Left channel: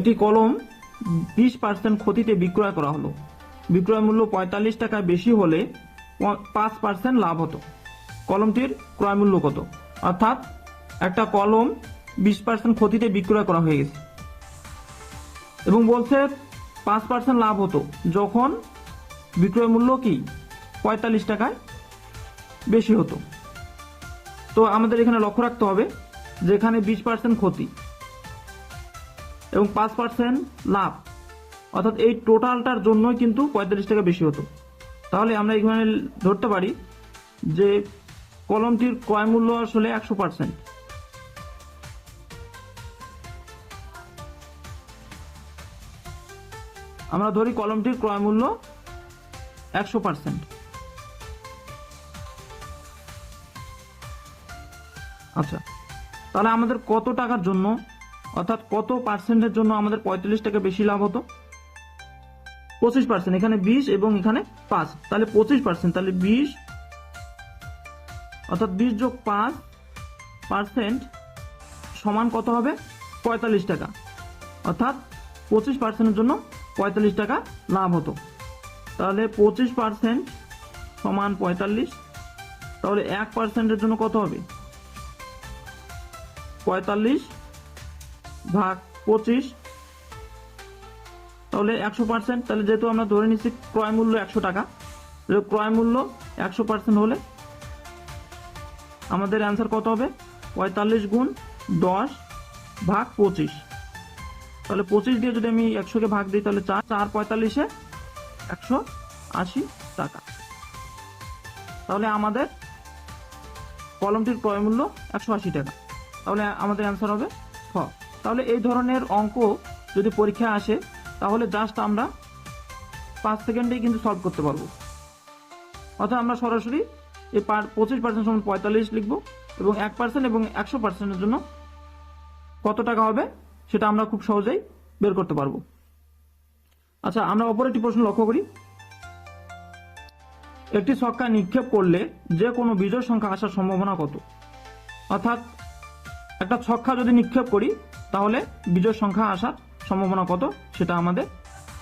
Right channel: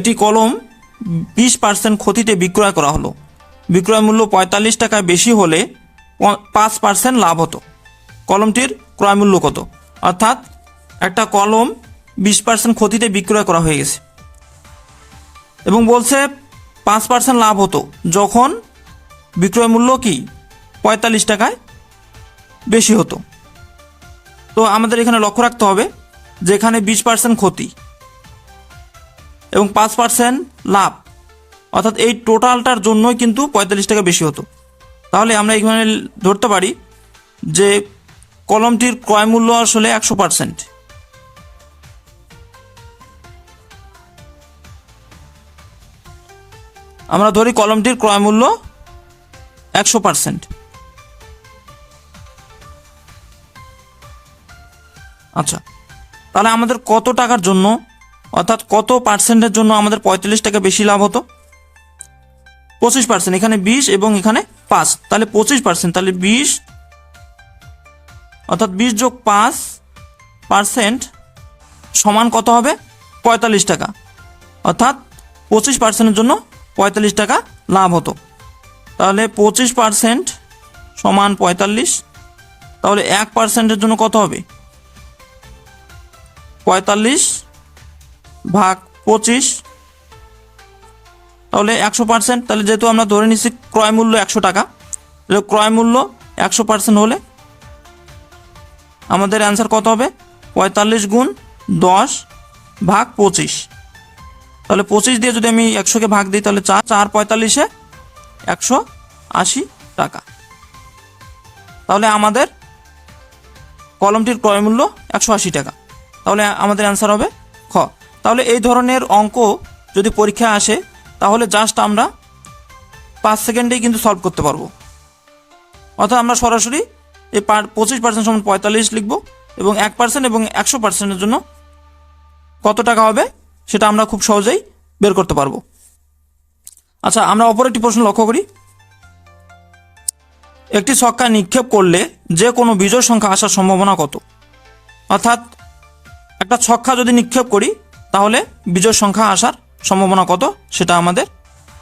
একটি কলম 20% ক্ষতিতে বিক্রয় করা হলো। বিক্রয় মূল্য 45 টাকায় বেশি হলে 5% লাভ হতো। কলমটির ক্রয় মূল্য কত? অর্থাৎ একটা কলম 20% ক্ষতিতে বিক্রয় করা হয়ে গেছে এবং বলছে 5% লাভ হতো যখন বিক্রয় মূল্য কি 45 টাকায় বেশি হতো। তো আমাদের এখানে লক্ষ্য রাখতে হবে যে এখানে 20% ক্ষতি এবং 5% লাভ, অর্থাৎ এই টোটালটার জন্যই কিন্তু 45 টাকা বেশি হতো। তাহলে আমরা এখানে ধরতে পারি যে কলমটির ক্রয় মূল্য আসলে 100%। আমরা ধরি কলমটির ক্রয় মূল্য 100%। আচ্ছা, তাহলে আমাদের কত টাকার জন্য, অর্থাৎ কত পার্সেন্টের জন্য আমাদের 45 টাকা বেশি লাভ হতো? 25%। এখানে 20 এবং এখানে 5, তাহলে 25%। তাহলে 20 অর্থাৎ 20 যোগ 5% সমান কত হবে? 45 টাকা। অর্থাৎ 25%-এর জন্য 45 টাকা লাভ হতো। তাহলে 25% সমান 45। তাহলে 1%-এর জন্য কত হবে? 45 ভাগ 25, তাহলে 100%। তাহলে যেহেতু আমরা ধরে নিচ্ছি ক্রয় মূল্য 100 টাকা, ক্রয় মূল্য 100% হলে আমাদের অ্যান্সার কত হবে? 45 গুণ 10 ভাগ 25। তাহলে 25 দিয়ে যদি আমি 100-কে ভাগ দিই তাহলে 4 45-এ 180 টাকা। তাহলে আমাদের কলমটির ক্রয় মূল্য 180 টাকা। তাহলে আমাদের অ্যান্সার হবে খ। তাহলে এই ধরনের অঙ্ক যদি পরীক্ষায় আসে তাহলে জাস্ট আমরা 5 সেকেন্ডেই কিন্তু সলভ করতে পারবো। অর্থাৎ আমরা সরাসরি এই 25% সমান 45 লিখব এবং 1% এবং 100%-এর জন্য কত টাকা হবে সেটা আমরা খুব সহজেই বের করতে পারবো। আচ্ছা, আমরা অপর একটি প্রশ্ন লক্ষ্য করি। একটি ছক্কা নিক্ষেপ করলে যে কোনো বিজোড় সংখ্যা আসার সম্ভাবনা কত? অর্থাৎ একটা ছক্কা যদি নিক্ষেপ করি তাহলে বিজোড় সংখ্যা আসার সম্ভাবনা কত সেটা আমাদের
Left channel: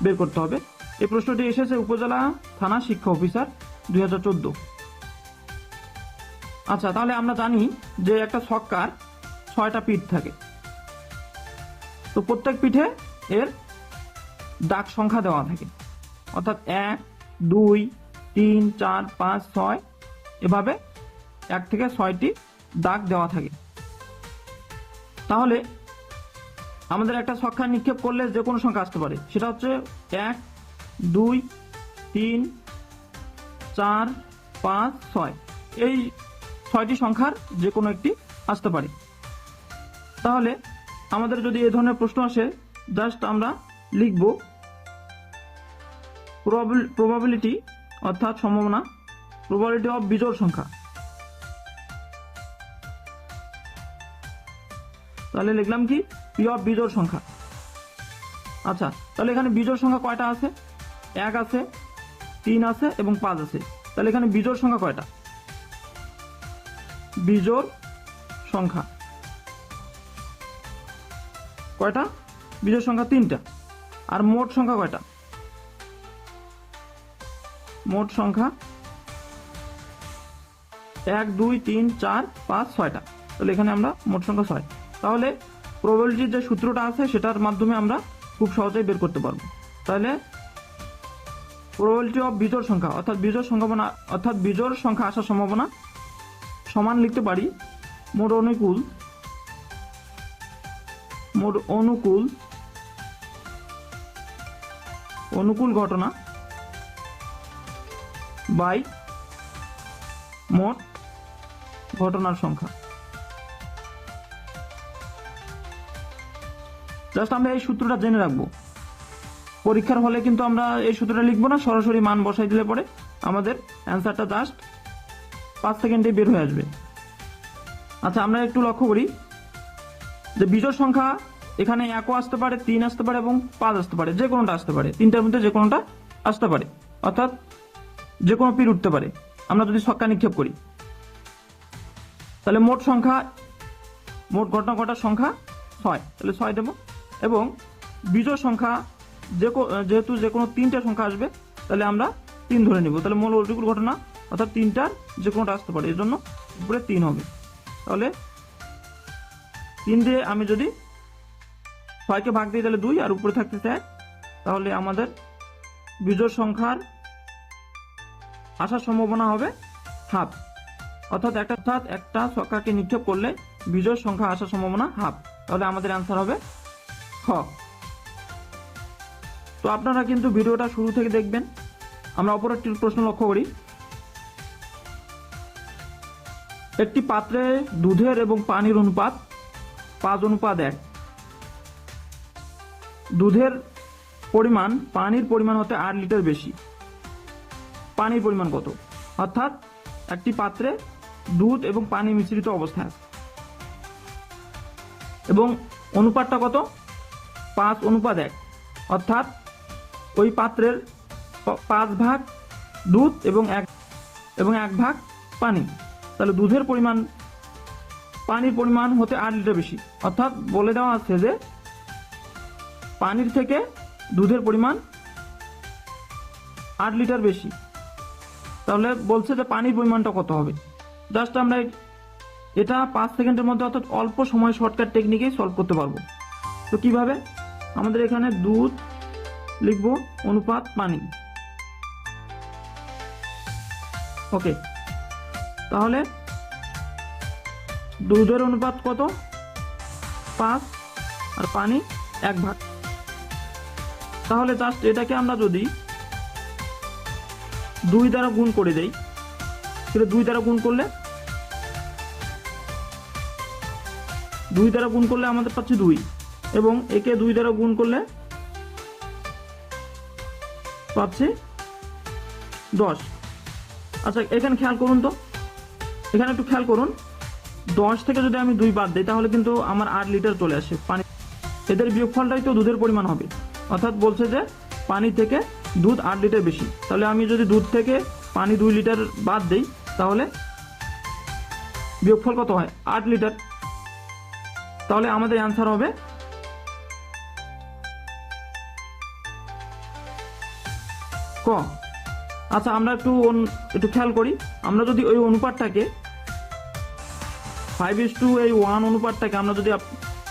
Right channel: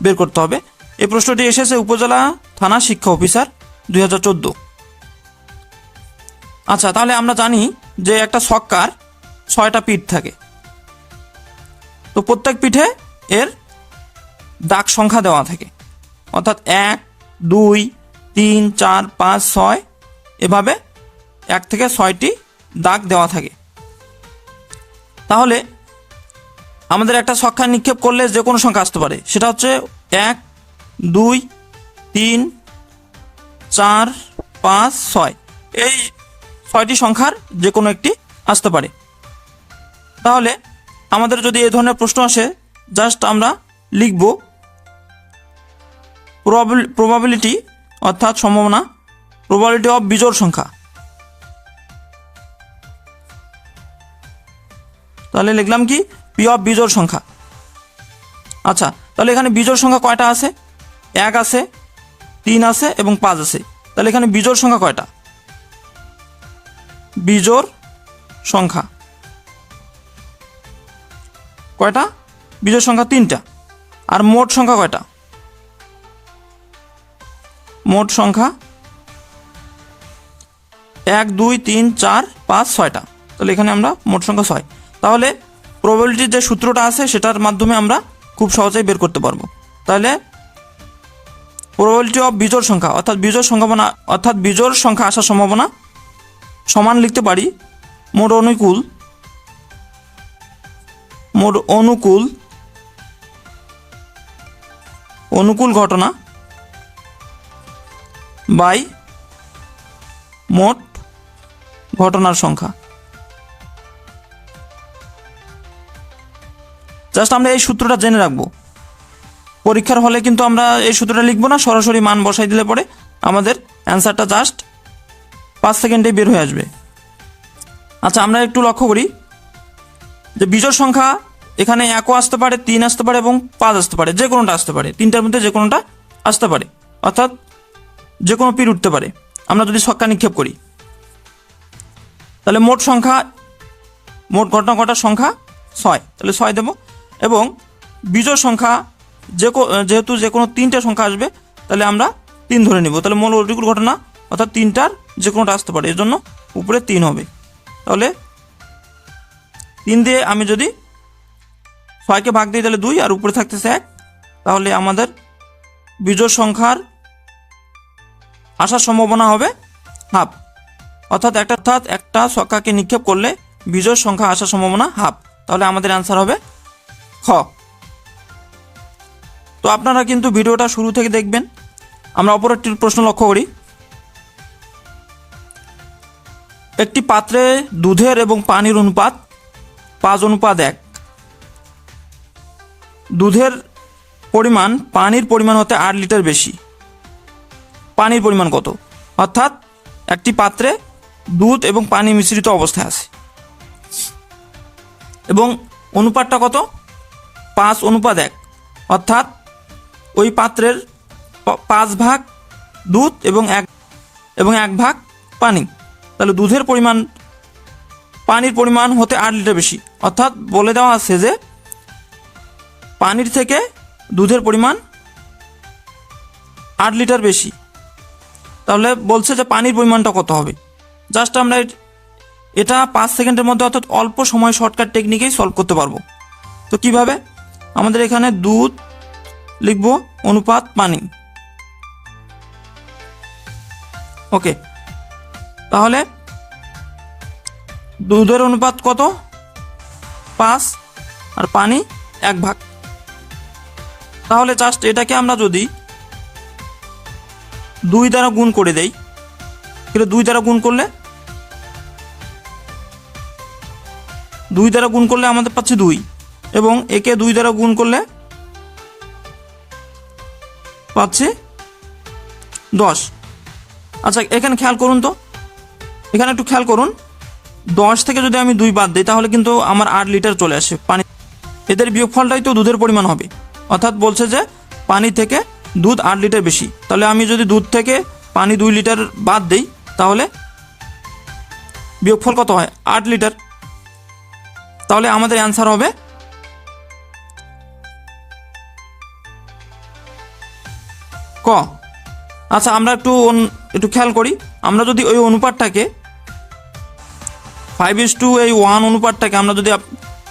বের করতে হবে। এই প্রশ্নটি এসেছে উপজেলা থানা শিক্ষা অফিসার 2014। আচ্ছা, তাহলে আমরা জানি যে একটা ছক্কার 6টা পিঠ থাকে। তো প্রত্যেক পিঠে এর দাগ সংখ্যা দেওয়া থাকে, অর্থাৎ 1 2 3 4 5 6 এভাবে 1 থেকে 6টি দাগ দেওয়া থাকে। তাহলে আমাদের একটা ছক্কা নিক্ষেপ করলে যে কোনো সংখ্যা আসতে পারে, সেটা হচ্ছে 1 2 3 4 5 6, এই 6টি সংখ্যার যে কোনো একটি আসতে পারে। তাহলে আমাদের যদি এই ধরনের প্রশ্ন আসে জাস্ট আমরা লিখব প্রবাবিলিটি, অর্থাৎ সম্ভাবনা, প্রবাবিলিটি অফ বিজোড় সংখ্যা। তাহলে লিখলাম কি? পি অফ বিজোড় সংখ্যা। আচ্ছা, তাহলে এখানে বিজোড় সংখ্যা কয়টা আছে? 1 আছে, 3 আছে এবং 5 আছে। তাহলে এখানে বিজোড় সংখ্যা কয়টা? বিজোড় সংখ্যা কয়টা? বিজোড় সংখ্যা 3টা। আর মোট সংখ্যা কয়টা? মোট সংখ্যা 1 2 3 4 5 6টা। তাহলে এখানে আমরা মোট সংখ্যা 6। তাহলে প্রবাবিলিটির যে সূত্রটা আছে সেটার মাধ্যমে আমরা খুব সহজেই বের করতে পারবো। তাহলে প্রবাবিলিটি অফ বিজোড় সংখ্যা, অর্থাৎ বিজোড় সম্ভাবনা, অর্থাৎ বিজোড় সংখ্যা আসার সম্ভাবনা সমান লিখতে পারি মোট অনুকূল ঘটনা বাই মোট ঘটনার সংখ্যা। জাস্ট আমরা এই সূত্রটা জেনে রাখবো। পরীক্ষার হলে কিন্তু আমরা এই সূত্রটা লিখবো না, সরাসরি মান বসাই দিলে পরে আমাদের অ্যান্সারটা জাস্ট 5 সেকেন্ডে বের হয়ে আসবে। আচ্ছা, আমরা একটু লক্ষ্য করি যে বিজোড় সংখ্যা এখানে 1ও আসতে পারে, 3 আসতে পারে এবং 5 আসতে পারে, যে কোনোটা আসতে পারে, 3টার মধ্যে যে কোনোটা আসতে পারে, অর্থাৎ যে কোনো পিঠ উঠতে পারে আমরা যদি ছক্কা নিক্ষেপ করি। তাহলে মোট ঘটনা ঘটার সংখ্যা 6, তাহলে 6 দেব এবং বিজোড় সংখ্যা যেহেতু যে কোনো তিনটে সংখ্যা আসবে, তাহলে আমরা 3 ধরে নিব। তাহলে মৌলিক ঘটনা অর্থাৎ 3টার যে কোনোটা আসতে পারে, এর জন্য উপরে 3 হবে। তাহলে 3 দিয়ে আমি যদি 6কে ভাগ দিই তাহলে 2, আর উপরে থাকতেছে 1। তাহলে আমাদের বিজোড় সংখ্যার আসার সম্ভাবনা হবে হাফ। অর্থাৎ একটা সংখ্যাকে নিক্ষেপ করলে বিজোড় সংখ্যা আসার সম্ভাবনা হাফ। তাহলে আমাদের অ্যান্সার হবে খ। তো আপনারা কিন্তু ভিডিওটা শুরু থেকে দেখবেন। আমরা অপর একটি প্রশ্ন লক্ষ্য করি। একটি পাত্রে দুধের এবং পানির অনুপাত 5:1। দুধের পরিমাণ পানির পরিমাণ হতে 8 লিটার বেশি। পানির পরিমাণ কত? অর্থাৎ একটি পাত্রে দুধ এবং পানি মিশ্রিত অবস্থায় আছে এবং অনুপাতটা কত? 5:1। অর্থাৎ ওই পাত্রের 5 ভাগ দুধ এবং 1 ভাগ পানি। তাহলে দুধের পরিমাণ পানির পরিমাণ হতে 8 লিটার বেশি। অর্থাৎ বলে দেওয়া আছে যে পানির থেকে দুধের পরিমাণ 8 লিটার বেশি। তাহলে বলছে যে পানির পরিমাণটা কত হবে। জাস্ট আমরা এটা 5 সেকেন্ডের মধ্যে অর্থাৎ অল্প সময় শর্টকাট টেকনিকেই সলভ করতে পারবো। তো কিভাবে? আমাদের এখানে দুধ লিখব, অনুপাত পানি। ওকে, তাহলে দুধের অনুপাত কত? 5, আর পানি 1 ভাগ। তাহলে জাস্ট এটাকে আমরা যদি 2 দ্বারা গুণ করে দেই, তাহলে 2 দ্বারা গুণ করলে আমাদের পাচ্ছে 2, এবং একে 2 দ্বারা গুণ করলে পাচ্ছি 10। আচ্ছা, এখানে খেয়াল করুন তো, এখানে একটু খেয়াল করুন। 10 থেকে যদি আমি 2 বাদ দিই তাহলে কিন্তু আমার 8 লিটার চলে আসে পানি। এদের বিয়োগফলটাই তো দুধের পরিমাণ হবে। অর্থাৎ বলছে যে পানি থেকে দুধ 8 লিটার বেশি। তাহলে আমি যদি দুধ থেকে পানি 2 লিটার বাদ দিই তাহলে বিয়োগফল কত হয়? 8 লিটার। তাহলে আমাদের অ্যান্সার হবে ক। আচ্ছা, আমরা একটু খেয়াল করি। আমরা যদি ওই অনুপাতটাকে 5:1 অনুপাতটাকে আমরা যদি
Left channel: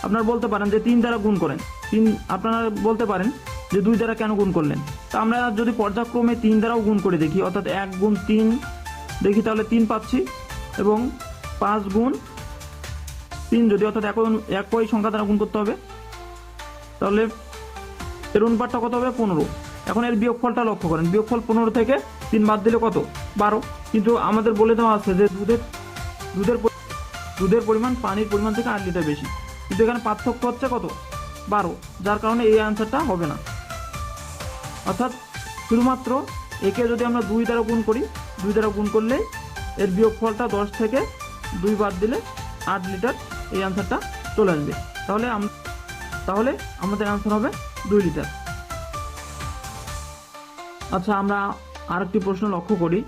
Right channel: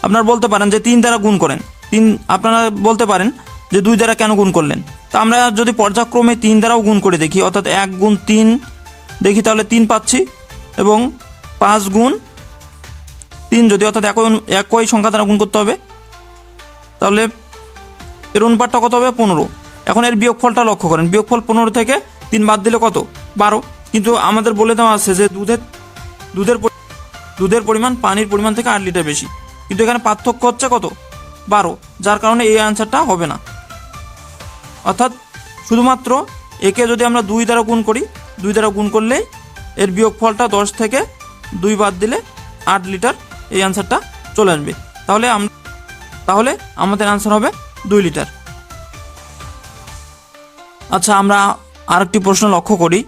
আপনারা বলতে পারেন যে 3 দ্বারা গুণ করেন, আপনারা বলতে পারেন যে 2 দ্বারা কেন গুণ করলেন। তা আমরা যদি পর্যায়ক্রমে 3 দ্বারাও গুণ করে দেখি, অর্থাৎ 1 গুণ 3 দেখি, তাহলে 3 পাচ্ছি, এবং 5 গুণ 3 যদি অর্থাৎ একই সংখ্যা দ্বারা গুণ করতে হবে, তাহলে এর অনুপাতটা কত হবে? 15। এখন এর বিয়োগফলটা লক্ষ্য করেন। বিয়োগফল 15 থেকে 3 বাদ দিলে কত? 12। কিন্তু আমাদের বলে দেওয়া আছে যে দুধের পরিমাণ পানির পরিমাণ থেকে 8 লিটার বেশি, কিন্তু এখানে পার্থক্য হচ্ছে কত? 12। যার কারণে এই অ্যান্সারটা হবে না। অর্থাৎ শুধুমাত্র একে যদি আমরা 2 দ্বারা গুণ করি, 2 দ্বারা গুণ করলেই এর বিয়োগফলটা 10 থেকে 2 বাদ দিলে 8 লিটার, এই অ্যান্সারটা চলে আসবে। তাহলে আমাদের অ্যান্সার হবে 2 লিটার। আচ্ছা, আমরা আরেকটি প্রশ্ন লক্ষ্য করি।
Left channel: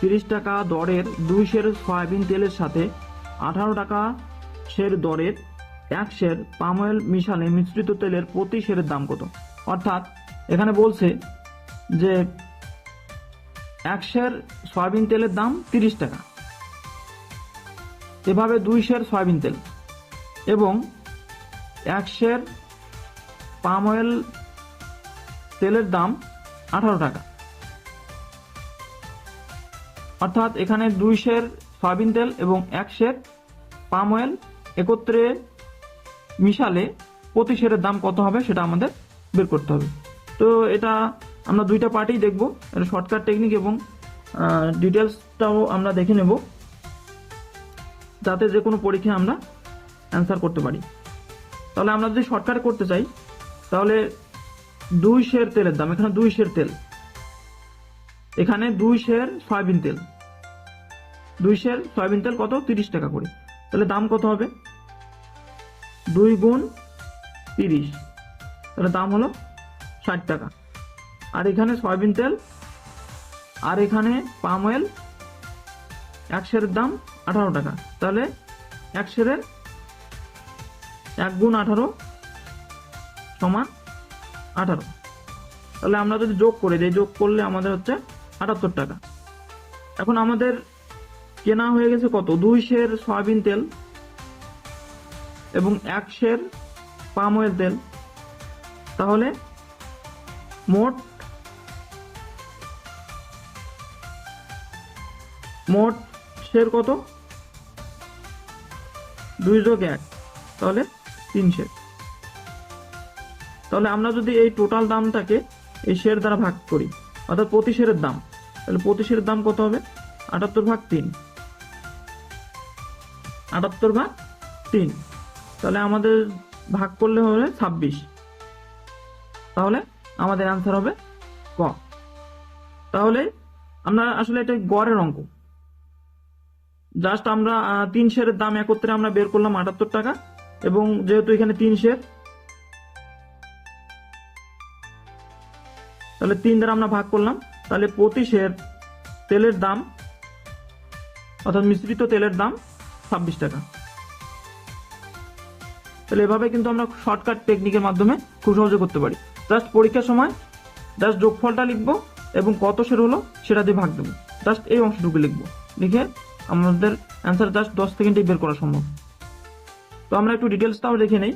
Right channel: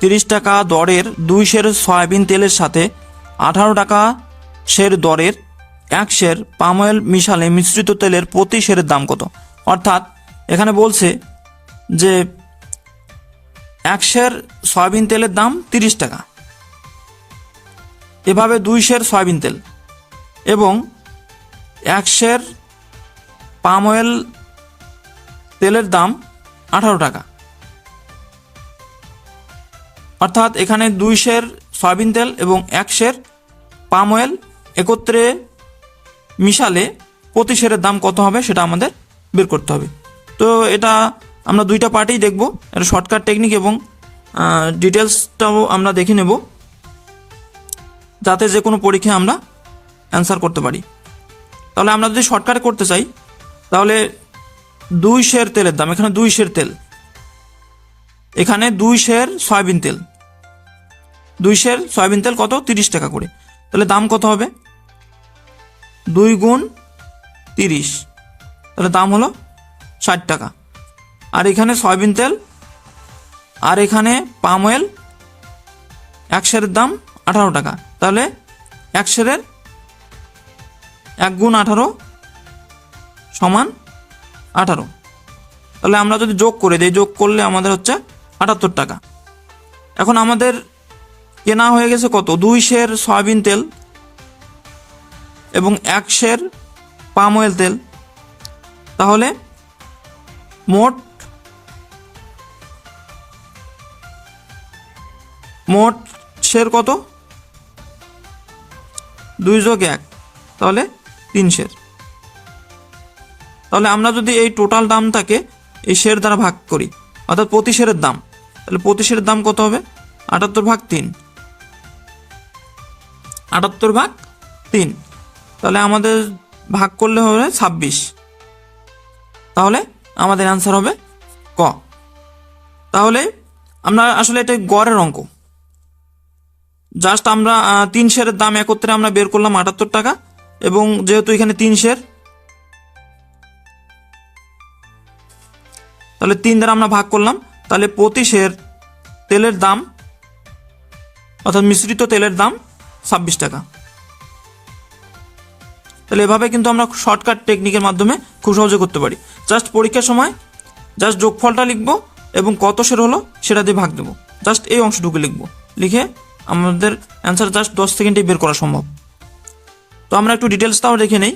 30 টাকা দরের 2 সের সয়াবিন তেলের সাথে 18 টাকা সের দরের 1 সের পাম অয়েল মিশালে মিশ্রিত তেলের প্রতি সেরের দাম কত? অর্থাৎ এখানে বলছে যে 1 সের সয়াবিন তেলের দাম 30 টাকা, এভাবে 2 সের সয়াবিন তেল এবং 1 সের পাম অয়েল তেলের দাম 18 টাকা। অর্থাৎ এখানে 2 সের সয়াবিন তেল এবং 1 সের পাম অয়েল একত্রে মিশালে প্রতি সেরের দাম কত হবে সেটা আমাদের বের করতে হবে। তো এটা আমরা 2টা পার্টেই দেখব। এটা শর্টকাট টেকনিক এবং ডিটেলসটাও আমরা দেখে নেব, যাতে যে কোনো পরীক্ষায় আমরা অ্যান্সার করতে পারি। তাহলে আমরা যদি শর্টকাটে করতে চাই, তাহলে 2 সের তেলের দাম, এখানে 2 সের তেল, এখানে 2 সের সয়াবিন তেল, 2 সের সয়াবিন তেল কত? 30 টাকা করে। তাহলে দাম কত হবে? 2 গুণ 30, তাহলে দাম হলো 60 টাকা। আর এখানে সয়াবিন তেল আর এখানে পাম অয়েল 1 সেরের দাম 18 টাকা। তাহলে 1 সেরের 1 গুণ 18 সমান 18। তাহলে আমরা যদি যোগ করে দিই, যোগ করলে আমাদের হচ্ছে 78 টাকা। এখন আমাদের কেনা হয়ে গেছে কত? 2 সের সয়াবিন তেল এবং 1 সের পাম অয়েল তেল। তাহলে মোট সের কত? 2 যোগ 1, তাহলে 3 সের। তাহলে আমরা যদি এই টোটাল দামটাকে এই শের দ্বারা ভাগ করি, অর্থাৎ প্রতি শেরের দাম, তাহলে প্রতি শেরের দাম কত হবে? 78/3। 78/3, তাহলে আমাদের ভাগ করলে হবে 26। তাহলে আমাদের অ্যান্সার হবে ক। তাহলে আমরা আসলে এটা গড়ের অঙ্ক, জাস্ট আমরা 3 শেরের দাম একত্রে আমরা বের করলাম 78 টাকা, এবং যেহেতু এখানে 3 শের, তাহলে 3 দ্বারা আমরা ভাগ করলাম, তাহলে প্রতি শের তেলের দাম অর্থাৎ মিশ্রিত তেলের দাম 26 টাকা। তাহলে এভাবে কিন্তু আমরা শর্টকাট টেকনিকের মাধ্যমে খুব সহজে করতে পারি। জাস্ট পরীক্ষার সময় জাস্ট যোগফলটা লিখবো এবং কত শের হলো সেটা দিয়ে ভাগ দেবো, জাস্ট এই অংশটুকু লিখবো, লিখে আমাদের অ্যান্সার জাস্ট 10 সেকেন্ডে বের করা সম্ভব। তো আমরা একটু ডিটেলসটাও দেখে নেই।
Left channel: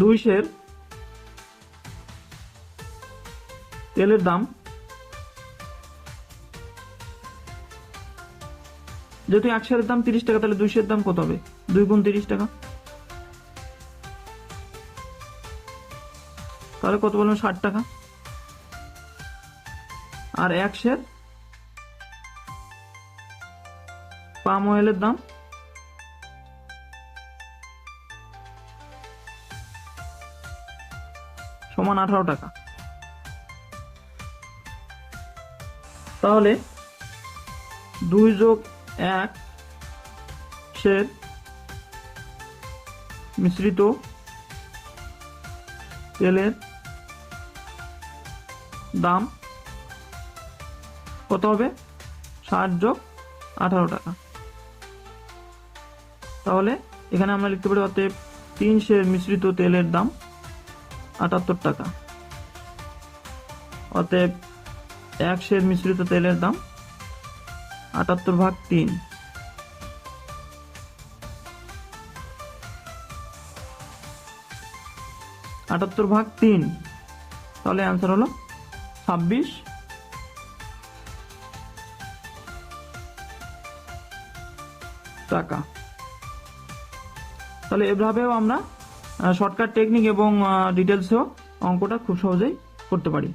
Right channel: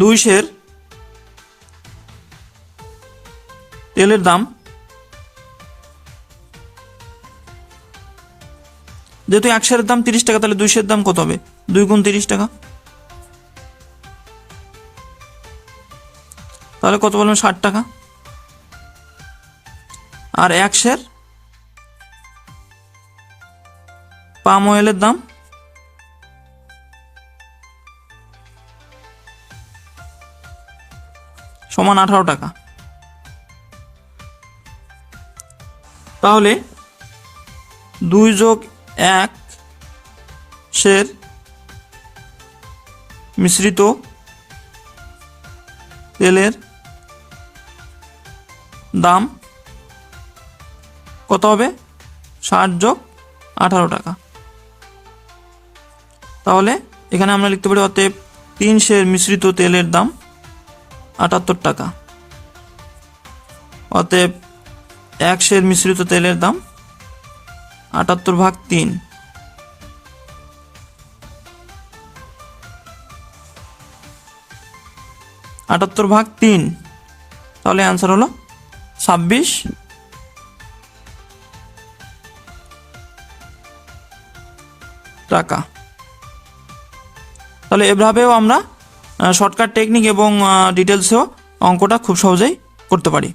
2 সের তেলের দাম, যেহেতু 1 সেরের দাম 30 টাকা, তাহলে 2 সের দাম কত হবে? 2 গুণ 30 টাকা, তাহলে কত বলবেন? 60 টাকা। আর 1 সের পাম অয়েলের দাম সমান 18 টাকা। তাহলে 2 যোগ 1 সের মিশ্রিত তেলের দাম কত হবে? 60 যোগ 18 টাকা। তাহলে এখানে আমরা লিখতে পারি অতএব 3 সের মিশ্রিত তেলের দাম 78 টাকা। অতএব 1 সের মিশ্রিত তেলের দাম 78/3। তাহলে অ্যান্সার হলো 26 টাকা। তাহলে এভাবেও আমরা শর্টকাট টেকনিক এবং ডিটেলসেও অঙ্কটা খুব সহজেই করতে পারি।